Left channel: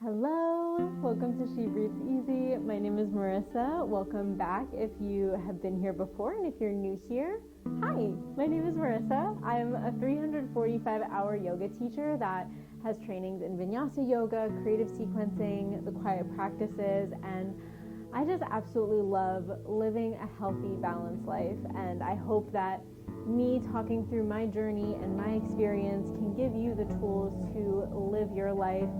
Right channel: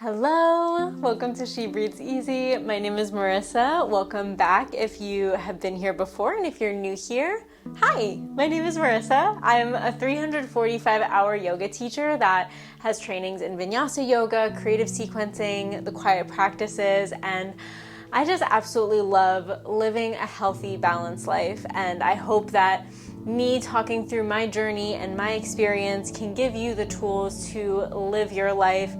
Hello, welcome to She Breathes Easy. My name is Marissa. Welcome back if you have been here before, and if you're new here, hi, my name is Marissa. I'm a 345-hour yoga teacher that has trainings in vinyasa yoga, creative sequencing, the quiet practices, and I just absolutely love living a healthy, balanced life. And I hope that me talking through my journey and my experience can give you the tools to live your life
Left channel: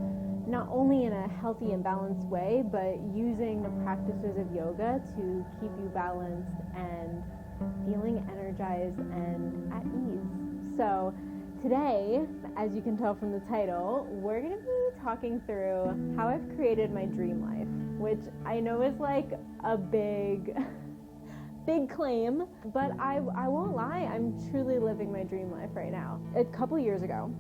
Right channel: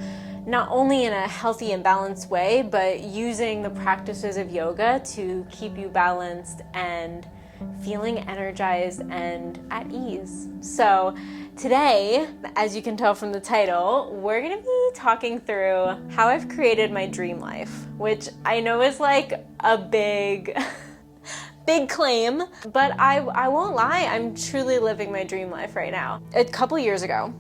not only in a healthy and balanced way, but using the practices of yoga to keep you balanced and feeling energized and at ease. So today, as you can tell from the title, we're gonna be talking through how I've created my dream life, which I know is like a big claim, but I won't lie, I'm truly living my dream life right now. A couple years ago,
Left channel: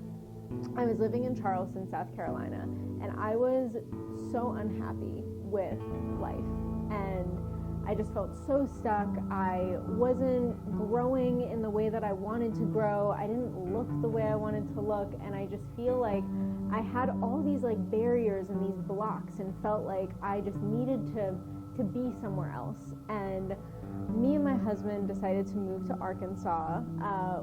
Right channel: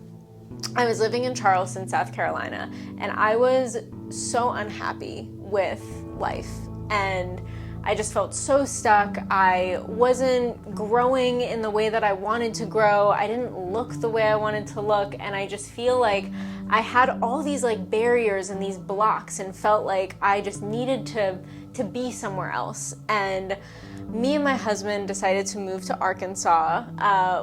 I was living in Charleston, South Carolina, and I was so unhappy with life, and I just felt so stuck. I wasn't growing in the way that I wanted to grow. I didn't look the way I wanted to look, and I just feel like I had all these like barriers and these blocks and felt like I just needed to be somewhere else. And me and my husband decided to move to Arkansas.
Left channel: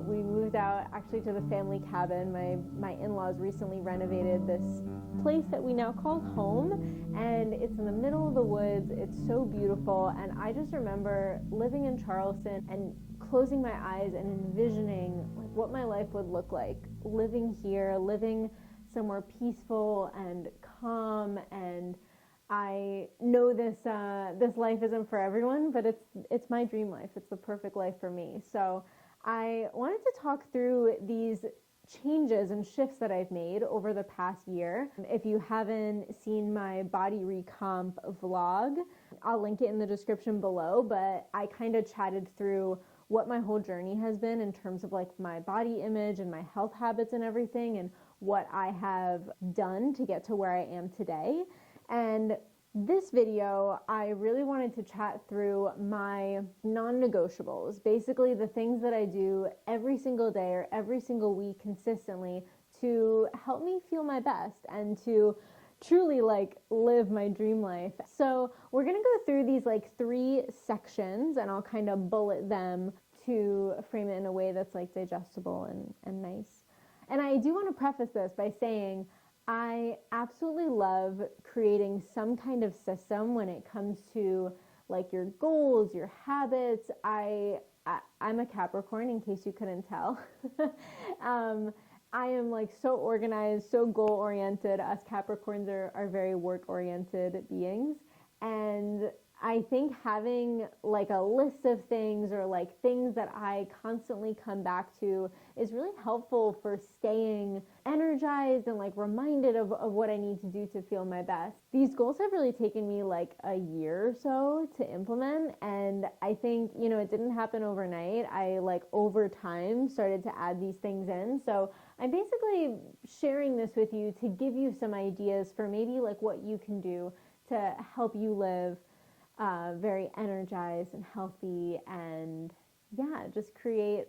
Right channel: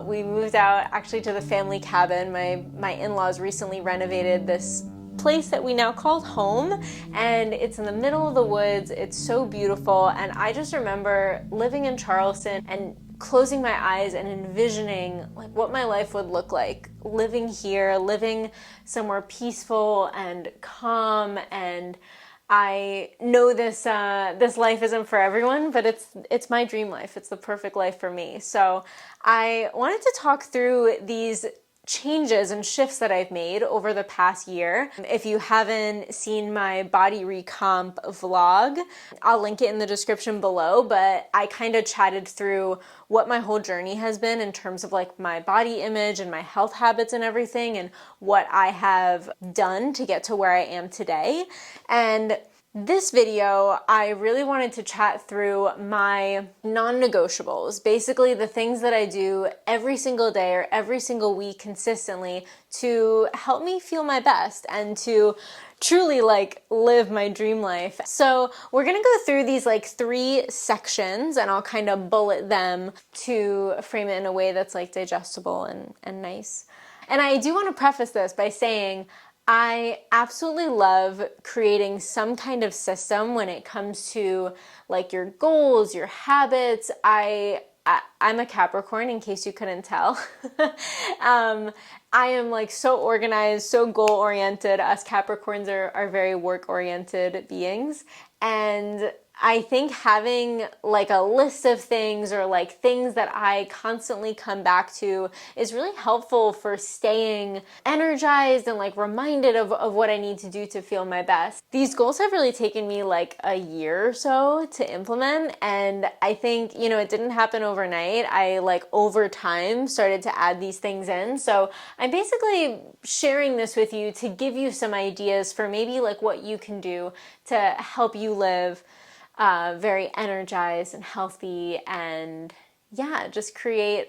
We moved out actually to the family cabin. My in-laws recently renovated this place that we now call home, and it's in the middle of the woods. It's so beautiful, and I just remember living in Charleston and closing my eyes and envisioning like what my life would look like living here, living somewhere peaceful and calm. And I know this life isn't for everyone, but it's my dream life. It's the perfect life for me. So I wanted to talk through these changes and shifts that I've made over the past year. If you haven't seen my body recomp vlog, I'll link it in the description below, but I kind of chatted through what my whole journey has been in terms of like my body image and my health habits and everything, and what I have done to get to where I am today. And this video, I really wanted to chat through my non-negotiables, basically the things that I do every single day or every single week consistently to help me feel my best and to truly like live my dream life. So we're gonna go through these like 3 sections, and I'll kind of bullet them to frame it in a way that's like digestible and nice. And I do want to preface this by saying I absolutely love creating some kind of system when it comes to like your goals, your habits. I'm a Capricorn, in case you couldn't tell. I am like so organized, so goal-oriented. Us Capricorns are very work-oriented beings. And I think having like a list of things or like things that I constantly come back to is really helpful for staying energized and like reminded of what I need to do to feel my best. These goals have really taken me like a year or so to implement, and I think, you know, it didn't happen overnight. I like over time started to add these things in. So I'm basically sharing this with you to give you some ideas for maybe like what you can do to help you live very energized and healthy, and yeah, just create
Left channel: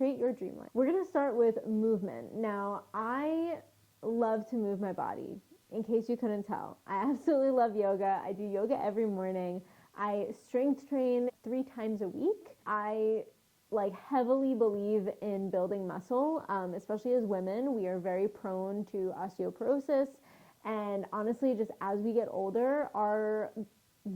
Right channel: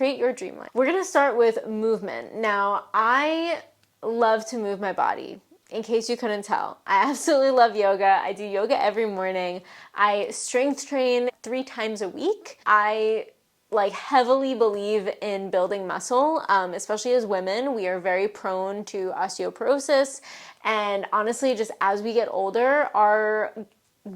your dream life. We're gonna start with movement. Now, I love to move my body. In case you couldn't tell, I absolutely love yoga. I do yoga every morning. I strength train 3 times a week. I like heavily believe in building muscle, especially as women. We are very prone to osteoporosis, and honestly, just as we get older, our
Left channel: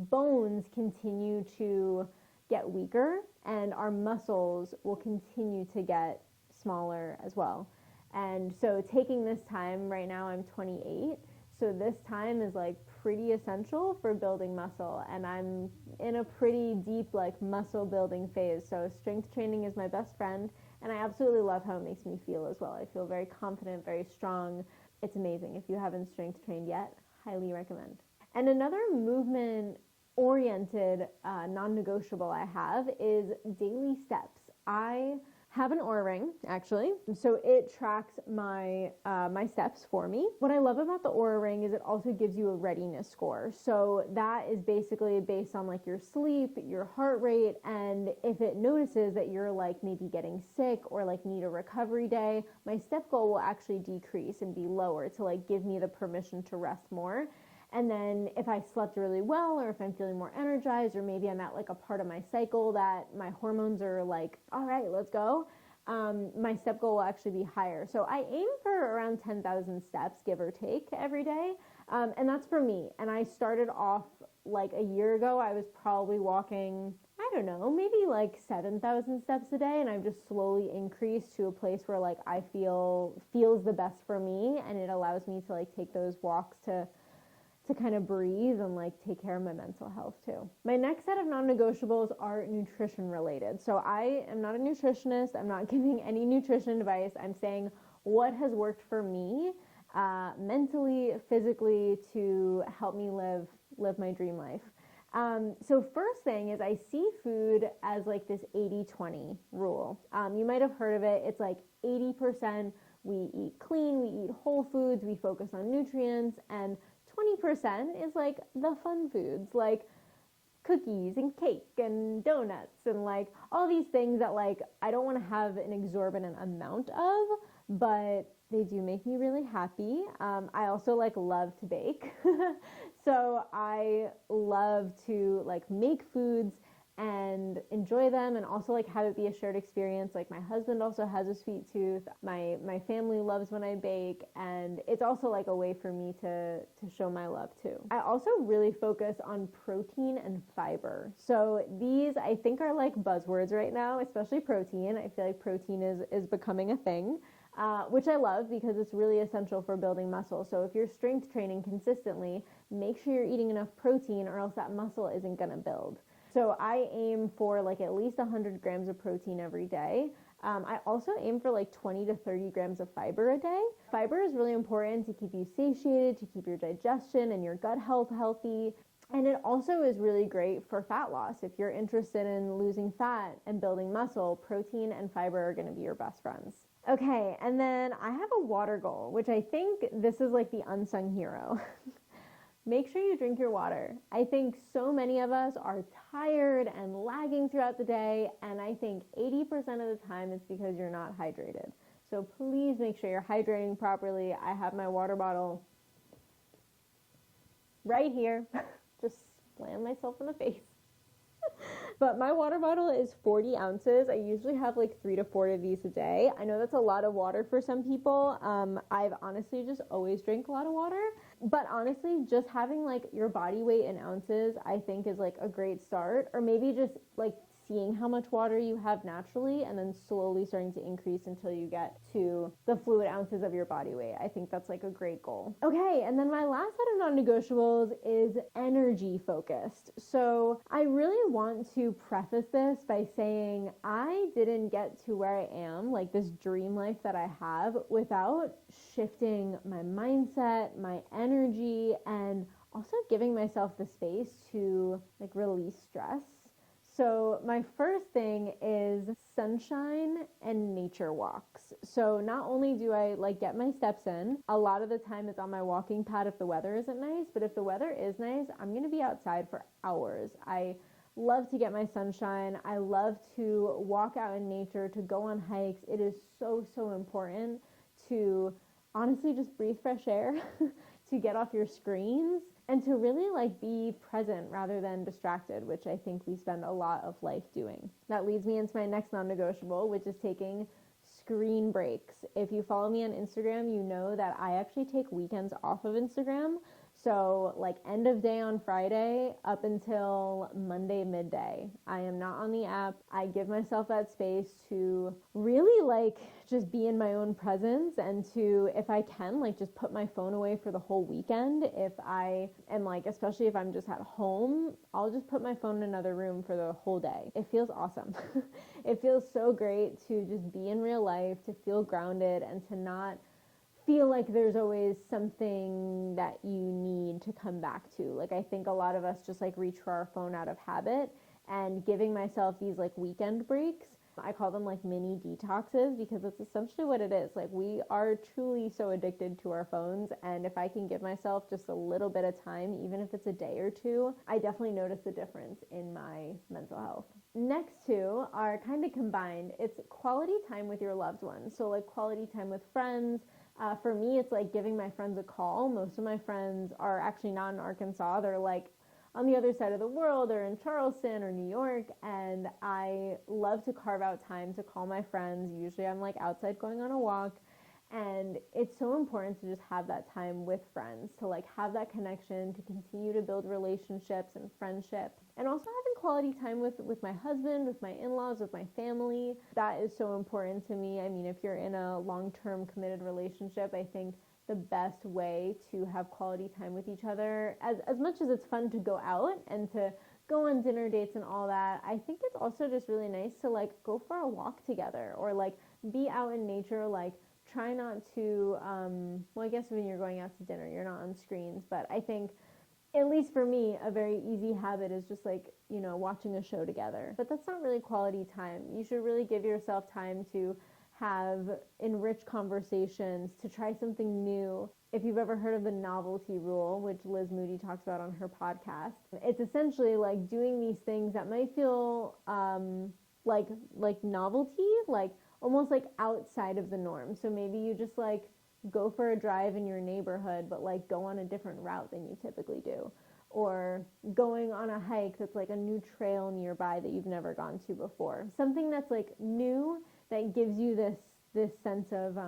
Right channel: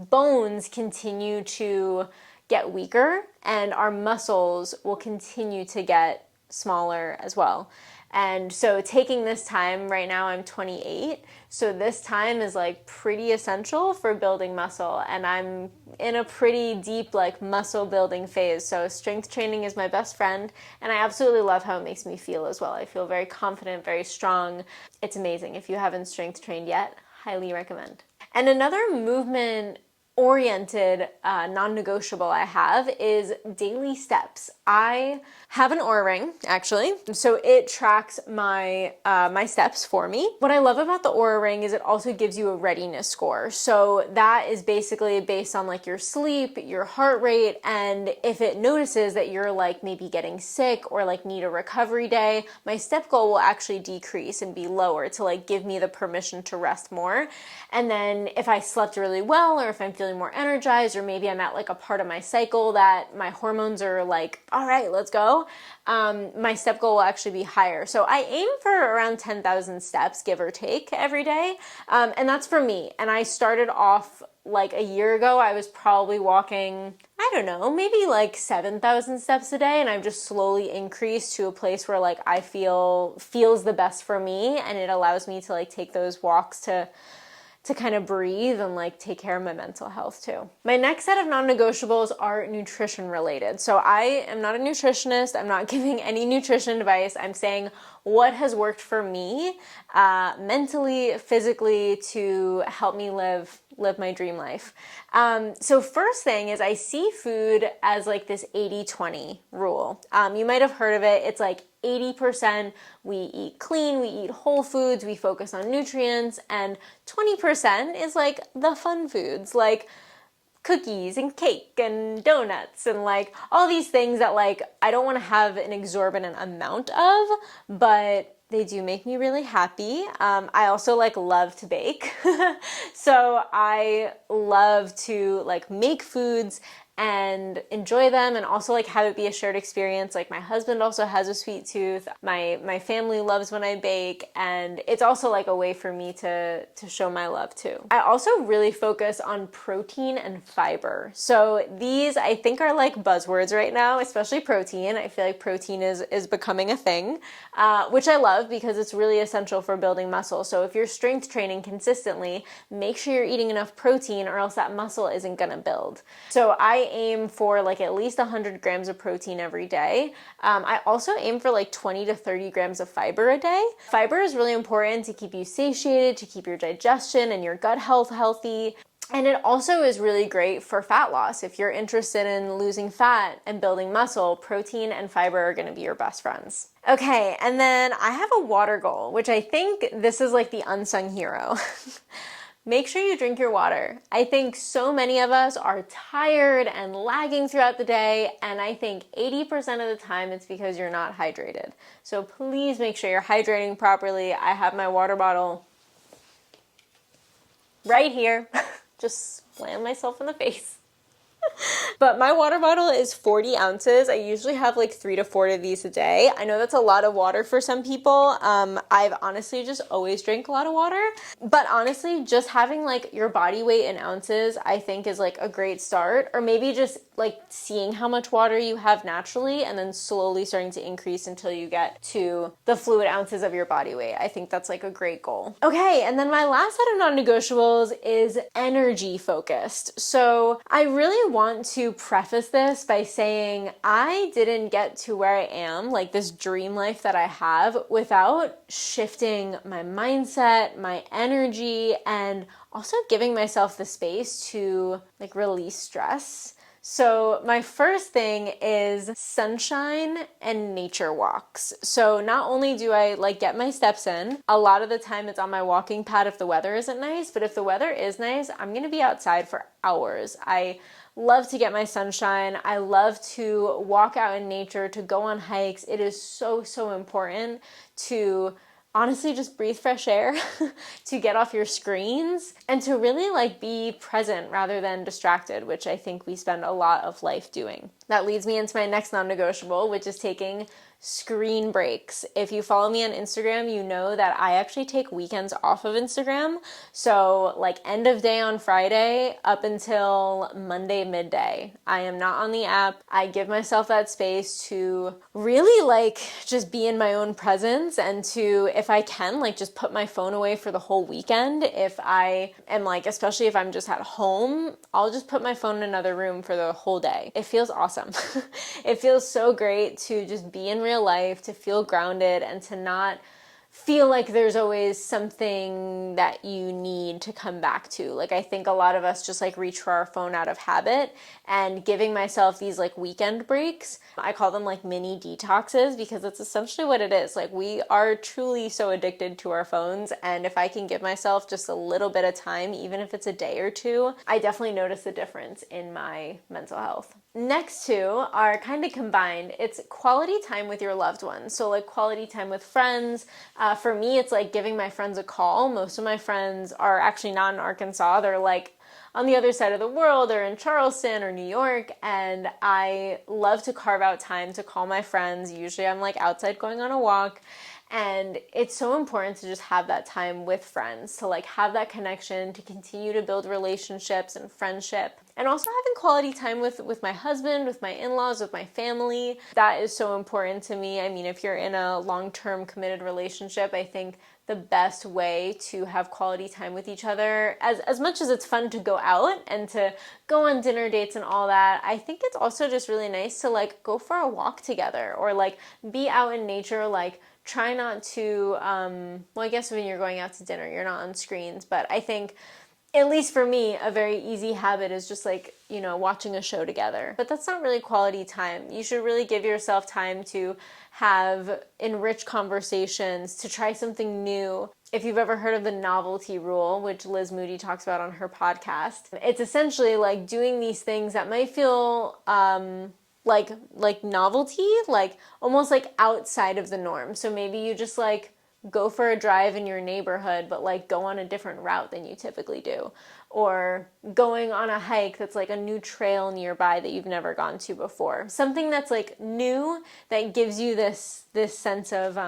bones continue to get weaker and our muscles will continue to get smaller as well. And so taking this time, right now I'm 28, so this time is like pretty essential for building muscle, and I'm in a pretty deep like muscle building phase. So strength training is my best friend, and I absolutely love how it makes me feel as well. I feel very confident, very strong. It's amazing. If you haven't strength trained yet, highly recommend. And another movement-oriented non-negotiable I have is daily steps. I have an Oura ring, actually. So it tracks my my steps for me. What I love about the Oura ring is it also gives you a readiness score. So that is basically based on like your sleep, your heart rate, and if it notices that you're like maybe getting sick or like need a recovery day, my step goal will actually decrease and be lower to like give me the permission to rest more. And then if I slept really well, or if I'm feeling more energized, or maybe I'm at like a part of my cycle that my hormones are like, all right, let's go, my step goal will actually be higher. So I aim for around 10,000 steps, give or take, every day. And that's for me. And I started off like a year ago, I was probably walking, I don't know, maybe like 7,000 steps a day. And I've just slowly increased to a place where like I feels the best for me. And it allows me to like take those walks to kind of breathe and like take care of my mental health too. My next set of non-negotiables are nutrition related. So I am not a nutritionist. I'm not giving any nutrition advice. I'm saying what has worked for me mentally, physically, to help me live my dream life. So first thing is I see food as like this 80-20 rule. You might have heard of it. It's like 80% we eat clean, we eat whole foods, we focus on nutrients, and 20% is like the fun foods, like cookies and cake and donuts and like all these things that like I don't want to have an exorbitant amount of, but they do make me really happy. I also like love to bake. So I love to like make foods and enjoy them, and also like have it be a shared experience. Like my husband also has a sweet tooth. My family loves when I bake, and it's also like a way for me to show my love too. I also really focus on protein and fiber. So these I think are like buzzwords right now, especially protein. I feel like protein is becoming a thing, which I love because it's really essential for building muscle. So if you're strength training consistently, make sure you're eating enough protein or else that muscle isn't gonna build. So I aim for like at least 100 grams of protein every day. I also aim for like 20 to 30 grams of fiber a day. Fiber is really important to keep you satiated, to keep your digestion and your gut health healthy. And it also is really great for fat loss. If you're interested in losing fat and building muscle, protein and fiber are gonna be your best friends. Okay, and then I have a water goal, which I think this is like the unsung hero. Make sure you drink your water. I think so many of us are tired and lagging throughout the day, and I think 80% of the time it's because you're not hydrated. So please make sure you're hydrating properly. I have my water bottle right here. Just slam myself in the face. But my water bottle is 40 ounces. I usually have like 3 to 4 of these a day. I know that's a lot of water for some people. I've honestly just always drank a lot of water. But honestly, just having like your body weight in ounces, I think is like a great start. Or maybe just like seeing how much water you have naturally and then slowly starting to increase until you get to the fluid ounces of your body weight. I think that's like a great goal. Okay, and then my last set of non-negotiables is energy focused. So I really want to preface this by saying I didn't get to where I am, like this dream life that I have, without shifting my mindset, my energy, and also giving myself the space to like release stress. So my first thing is sunshine and nature walks. So not only do I like get my steps in, a lot of the time it's on my walking pad if the weather isn't nice, but if the weather is nice, I'm gonna be outside for hours. I love to get my sunshine. I love to walk out in nature, to go on hikes. It is so, so important to honestly just breathe fresh air, to get off your screens, and to really like be present rather than distracted, which I think we spend a lot of life doing. That leads me into my next non-negotiable, which is taking screen breaks. If you follow me on Instagram, you know that I actually take weekends off of Instagram. So like end of day on Friday up until Monday midday, I am not on the app. I give myself that space to really like just be in my own presence and to, if I can, like just put my phone away for the whole weekend. If I am like, especially if I'm just at home, I'll just put my phone in another room for the whole day. It feels awesome. It feels so great to just be in real life, to feel grounded and to not feel like there's always something that you need to come back to. Like, I think a lot of us just like reach for our phone out of habit, and giving myself these like weekend breaks, I call them like mini detoxes, because it's essentially what it is. Like, we are truly so addicted to our phones, and if I can give myself just a little bit of time, even if it's a day or two, I definitely notice a difference in my mental health. Next two are kind of combined. It's quality time with your loved ones. So like quality time with friends. For me, it's like giving my friends a call. Most of my friends are actually not in Arkansas. They're like on the other side of the world, or in Charleston or New York, and I love to carve out time to call my friends. Usually I'm like outside going on a walk, and it's so important to just have that time with friends, to like have that connection, to continue to build relationships and friendship. And also having quality time with my husband, with my in-laws, with my family. That is so important to me. I mean, if you're in a long-term committed relationship, I think the best way to have quality time with each other, as much as it's fun to go out and to go on dinner dates and all that, I think it's also just really nice to like go for a walk together, or like be out in nature. Like, try not to, well, I guess when you're going out to dinner, you're not on screens, but I think, at least for me, a very easy habit is just like, you know, watching a show together. But that's not really quality time. You should really give yourself time to have enriched conversations, to try something new. If you've ever heard of the novelty rule, which Liz Moody talks about on her podcast, it's essentially like doing these things that might feel like novelty, like almost like outside of the norm. So maybe you just like go for a drive in your neighborhood, but like go on a different route than you typically do, or going on a hike that's like a new trail nearby that you've never gone to before. Something that's like new, that gives you this sense of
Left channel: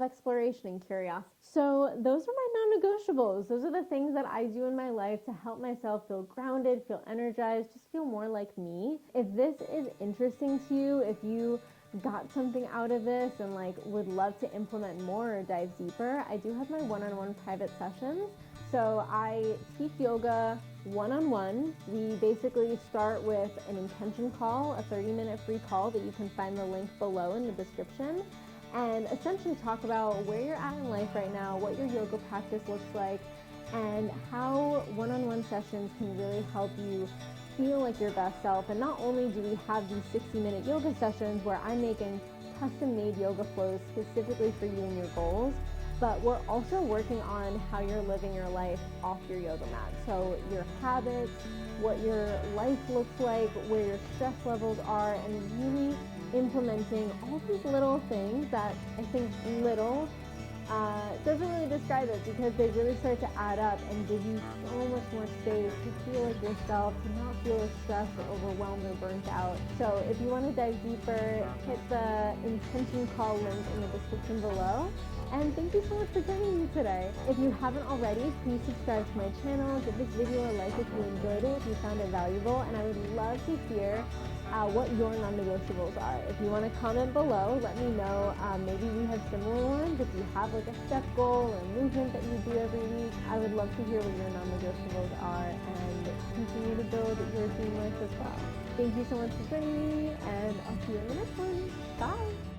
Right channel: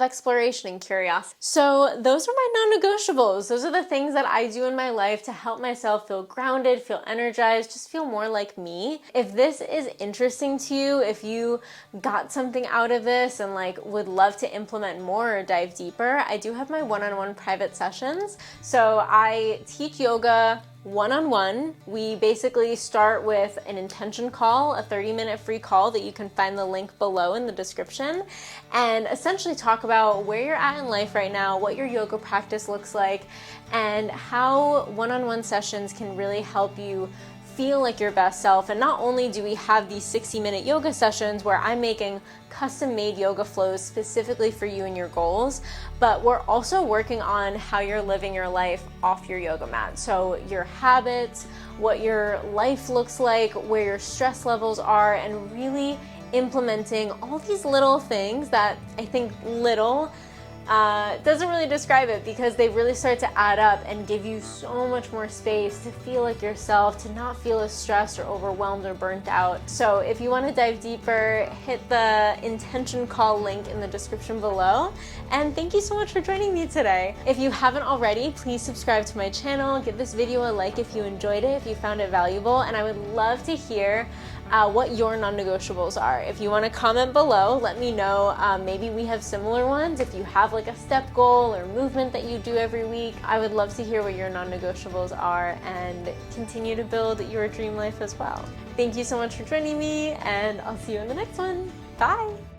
exploration and curiosity. So those are my non-negotiables. Those are the things that I do in my life to help myself feel grounded, feel energized, just feel more like me. If this is interesting to you, if you got something out of this and like would love to implement more or dive deeper, I do have my one-on-one private sessions. So I teach yoga one-on-one. We basically start with an intention call, a 30-minute free call that you can find the link below in the description, and essentially talk about where you're at in life right now, what your yoga practice looks like, and how one-on-one sessions can really help you feel like your best self. And not only do we have these 60-minute yoga sessions where I'm making custom-made yoga flows specifically for you and your goals, but we're also working on how you're living your life off your yoga mat. So your habits, what your life looks like, where your stress levels are, and really implementing all these little things that I think little doesn't really describe it, because they really start to add up and give you so much more space to feel like yourself, to not feel as stressed or overwhelmed or burnt out. So if you want to dive deeper, hit the intention call link in the description below. And thank you so much for joining me today. If you haven't already, please subscribe to my channel, give this video a like if you enjoyed it, if you found it valuable, and I would love to hear what your non-negotiables are. If you want to comment below, let me know. Maybe we have similar ones. If you have like a step goal or movement that you do every week, I would love to hear what your non-negotiables are and continue to build your dream life as well. Thank you so much for joining me, and I'll see you in the next one. Bye!